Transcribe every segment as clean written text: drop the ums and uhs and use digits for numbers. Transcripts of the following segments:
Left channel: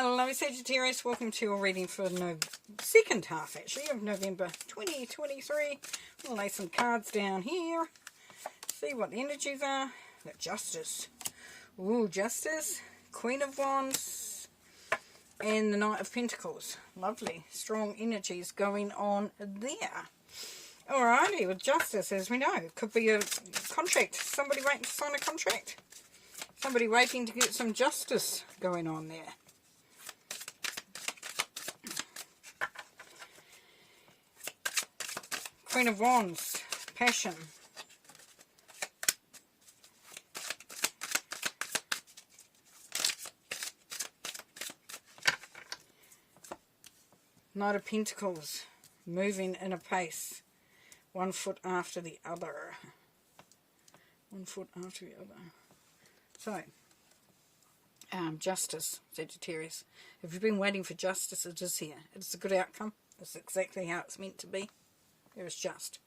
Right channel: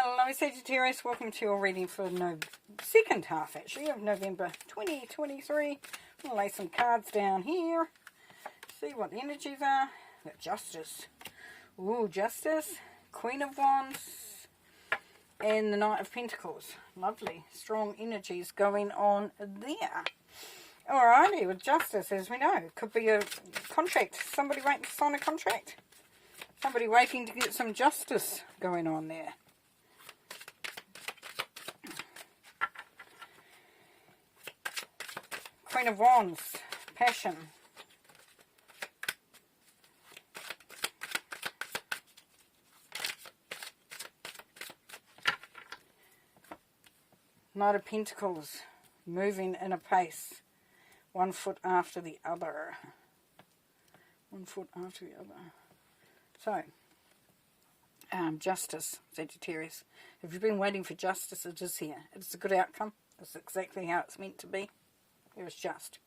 Hello Sagittarius, welcome to your reading for the second half actually of November 2023. I'll lay some cards down here, see what the energies are. We've got Justice, Justice, Queen of Wands, and the Knight of Pentacles. Lovely, strong energies going on there. Alrighty, with Justice, as we know, it could be a contract, somebody waiting to sign a contract. Somebody waiting to get some justice going on there. Queen of Wands, passion. Knight of Pentacles, moving in a pace, 1 foot after the other. 1 foot after the other. So, justice, Sagittarius. If you've been waiting for justice, it is here. It's a good outcome. It's exactly how it's meant to be. It was just.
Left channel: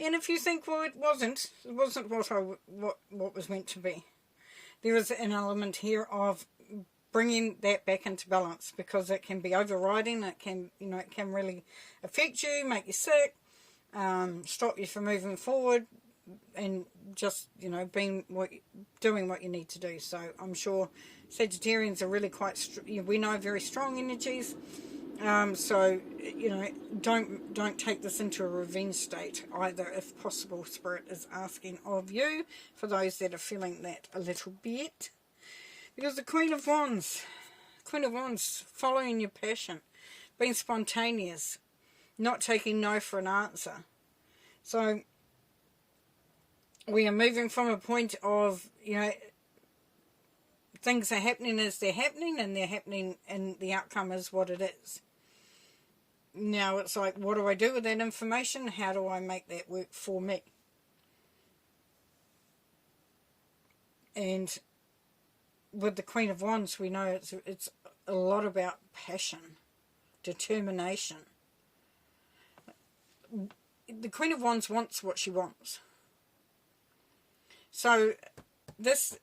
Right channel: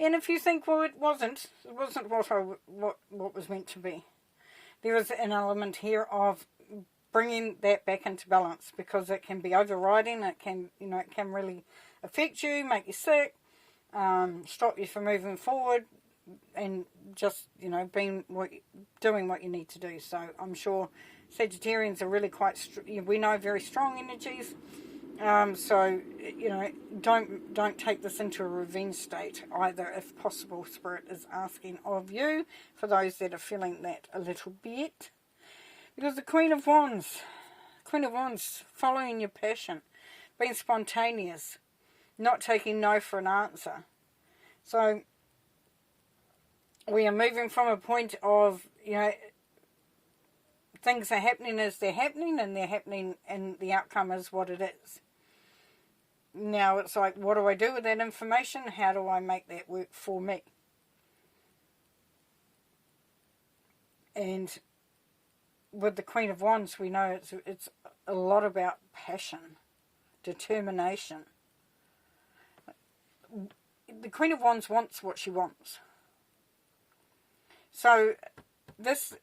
And if you think, well, it wasn't what was meant to be, there is an element here of bringing that back into balance, because it can be overriding. It can, it can really affect you, make you sick, stop you from moving forward, and just, doing what you need to do. So I'm sure Sagittarians are really quite, we know, very strong energies. So, don't take this into a revenge state either, if possible. Spirit is asking of you, for those that are feeling that a little bit. Because the Queen of Wands, following your passion, being spontaneous, not taking no for an answer. So, we are moving from a point of, things are happening as they're happening, and they're happening, and the outcome is what it is. Now it's like, what do I do with that information? How do I make that work for me? And with the Queen of Wands, we know it's a lot about passion, determination. The Queen of Wands wants what she wants. So this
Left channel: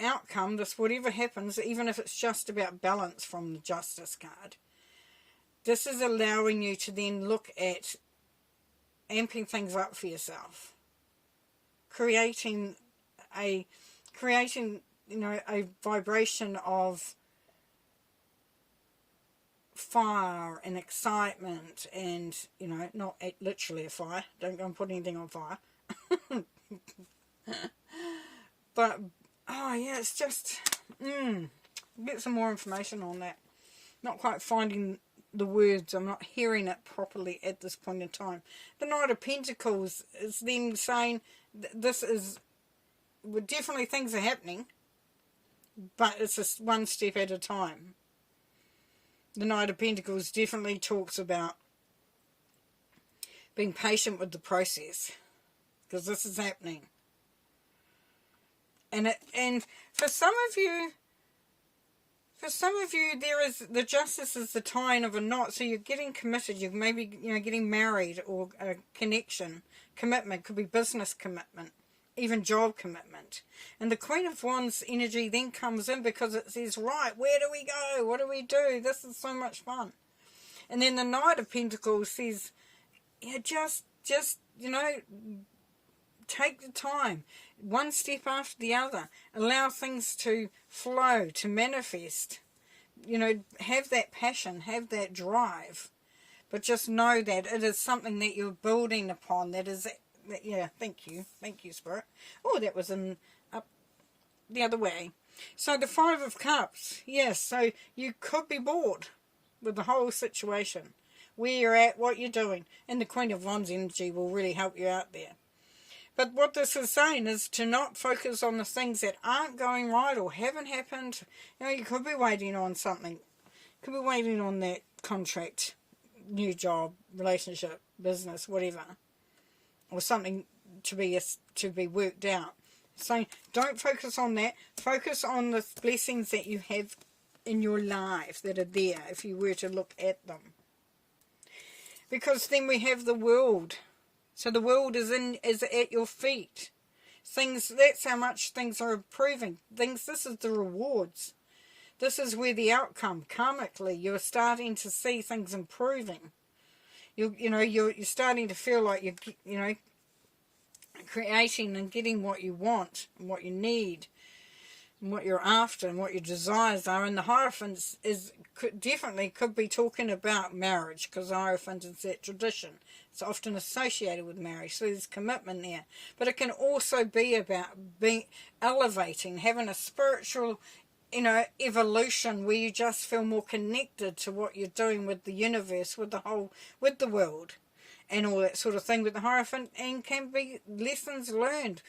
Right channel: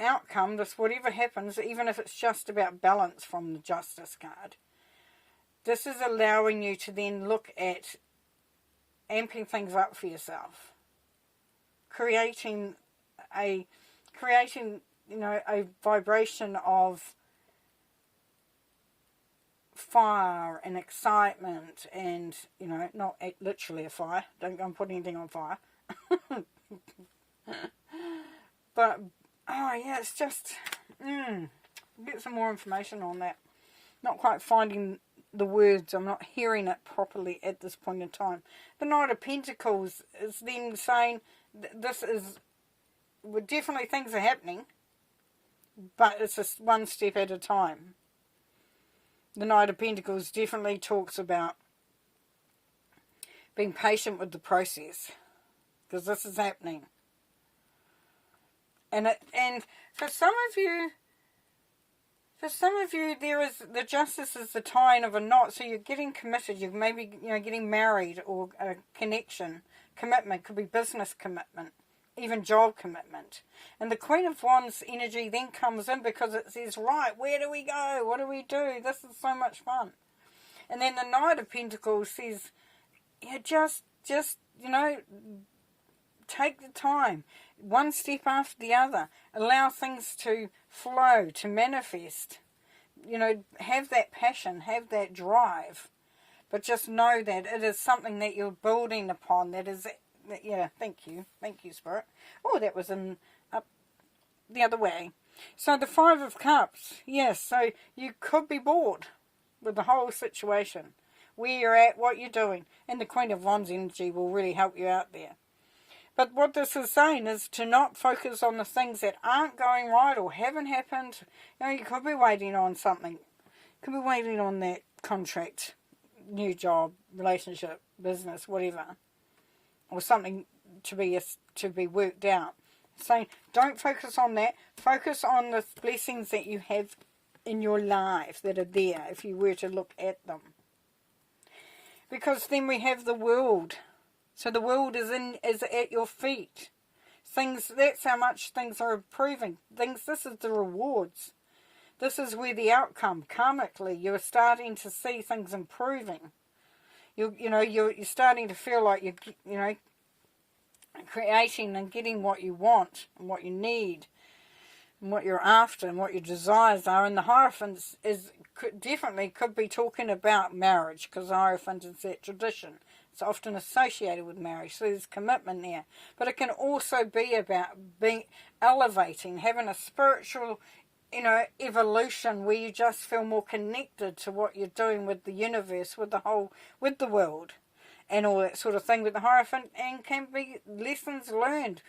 outcome, this whatever happens, even if it's just about balance from the Justice card, this is allowing you to then look at amping things up for yourself, creating a vibration of fire and excitement, and not literally a fire. Don't go and put anything on fire. But it's just get some more information on that. Not quite finding the words. I'm not hearing it properly at this point in time. The Knight of Pentacles is then saying this is, well, definitely things are happening, but it's just one step at a time. The Knight of Pentacles definitely talks about being patient with the process, because this is happening. And for some of you, there is, the justice is the tying of a knot. So you're getting committed. You're maybe getting married, or a connection, commitment. Could be business commitment, even job commitment. And the Queen of Wands energy then comes in, because it says, right, where do we go? What do we do? This is so much fun. And then the Knight of Pentacles says, just take the time, one step after the other. Allow things to flow, to manifest. Have that passion, have that drive. But just know that it is something that you're building upon. That is, thank you, Spirit. Oh, that was up the other way. So the Five of Cups, yes. So you could be bored with the whole situation, where you're at, what you're doing, and the Queen of Wands energy will really help you out there. But what this is saying is to not focus on the things that aren't going right or haven't happened. You could be waiting on something. Could be waiting on that contract, new job, relationship, business, whatever, or something to be worked out. So don't focus on that. Focus on the blessings that you have in your life that are there, if you were to look at them. Because then we have the world. So the world is at your feet. Things, that's how much things are improving. This is the rewards. this is where the outcome, karmically, you're starting to see things improving. You're starting to feel like you're creating and getting what you want and what you need and what you're after and what your desires are. And the Hierophant definitely could be talking about marriage, because the Hierophant is that tradition. It's often associated with marriage, so there's commitment there. But it can also be about being elevating, having a spiritual, evolution where you just feel more connected to what you're doing with the universe, with the world, and all that sort of thing with the Hierophant, and can be lessons learned.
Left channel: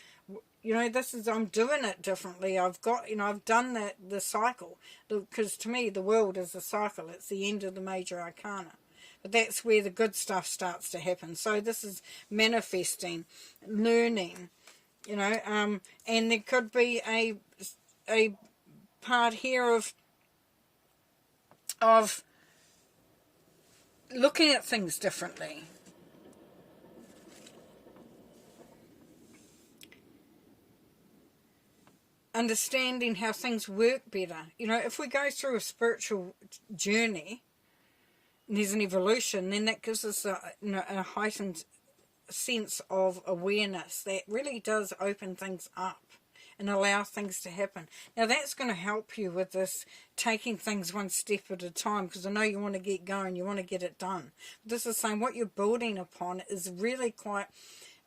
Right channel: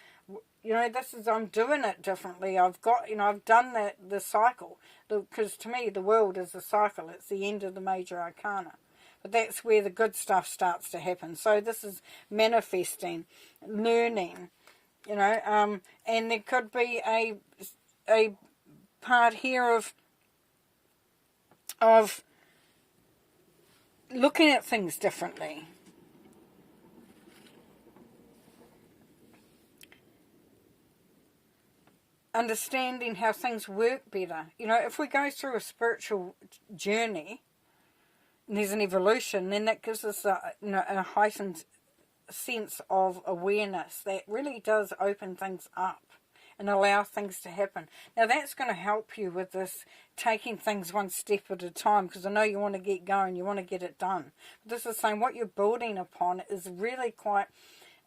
I'm doing it differently. I've done the cycle, because to me the world is a cycle. It's the end of the major arcana. But that's where the good stuff starts to happen. So this is manifesting, learning, and there could be a part here of looking at things differently. Understanding how things work better. If we go through a spiritual journey, and there's an evolution, then that gives us a heightened sense of awareness that really does open things up and allow things to happen. Now that's going to help you with this, taking things one step at a time, because I know you want to get going, you want to get it done. But this is saying what you're building upon is really quite,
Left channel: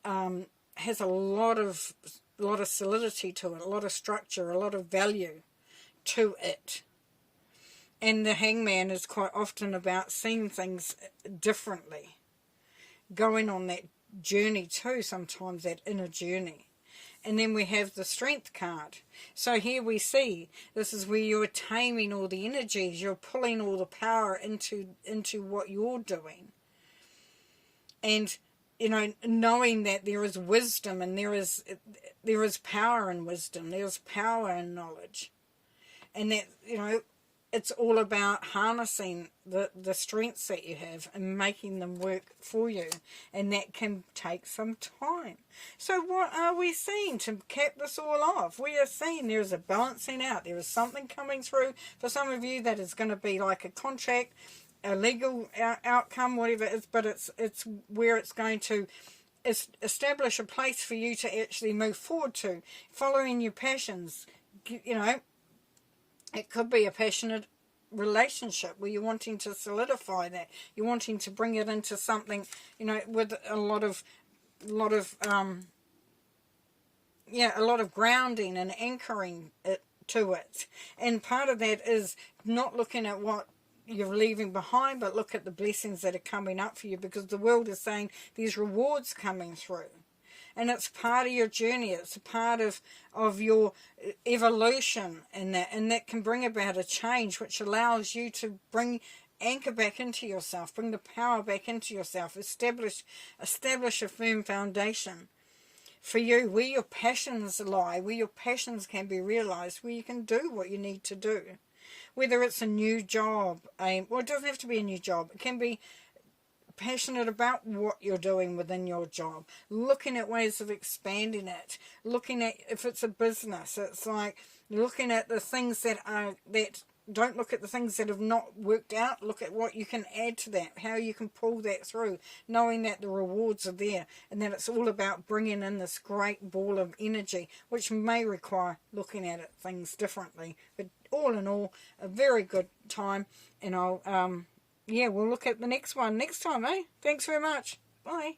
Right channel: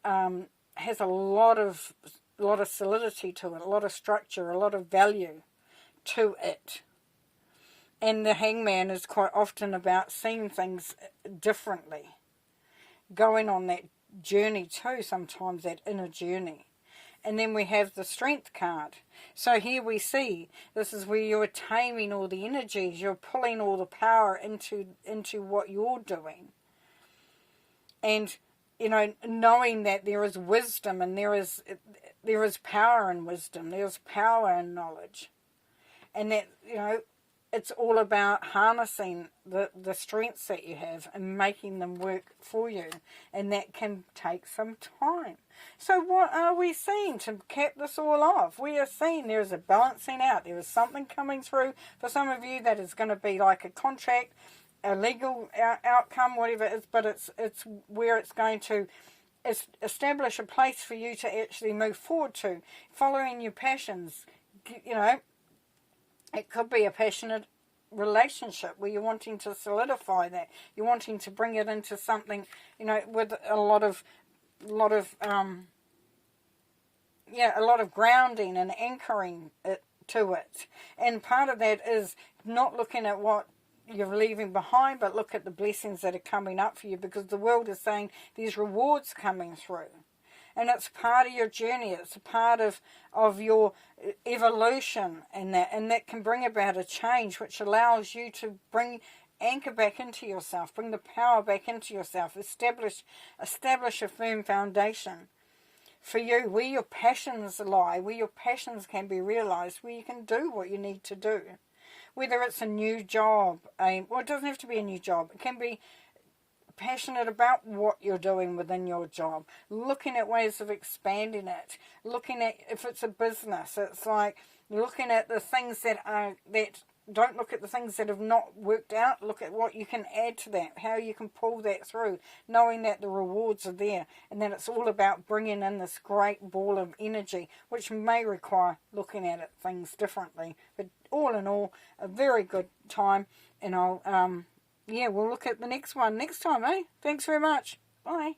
has a lot of solidity to it, a lot of structure, a lot of value to it. And the Hangman is quite often about seeing things differently, going on that journey too, sometimes that inner journey. And then we have the Strength card. So here we see, this is where you're taming all the energies, you're pulling all the power into what you're doing. And, knowing that there is wisdom, and there is power in wisdom, there's power in knowledge. And that, it's all about harnessing the strengths that you have and making them work for you. And that can take some time. So what are we seeing to cap this all off? We are seeing there is a balancing out. There is something coming through for some of you that is going to be like a contract, a legal outcome, whatever it is. But it's where it's going to establish a place for you to actually move forward to, following your passions. It could be a passionate relationship where you're wanting to solidify that. You're wanting to bring it into something, with a lot of grounding and anchoring to it. And part of that is not looking at what you're leaving behind, but look at the blessings that are coming up for you, because the world is saying there's rewards coming through. And it's part of your journey. It's a part of your evolution, and that can bring about a change which allows you to anchor back into yourself, bring the power back into yourself, establish a firm foundation for you, where your passions lie, where your passions can be realized, where you can do what you need to do. Whether it's a new job, it doesn't have to be a new job. It can be passionate about what you're doing within your job, looking at ways of expanding it, looking at, if it's a business, it's like looking at the things that don't look at the things that have not worked out, look at what you can add to that, how you can pull that through, knowing that the rewards are there, and that it's all about bringing in this great ball of energy, which may require looking at things differently. But all in all, a very good time, and we'll look at the next one next time, eh? Thanks very much. Bye.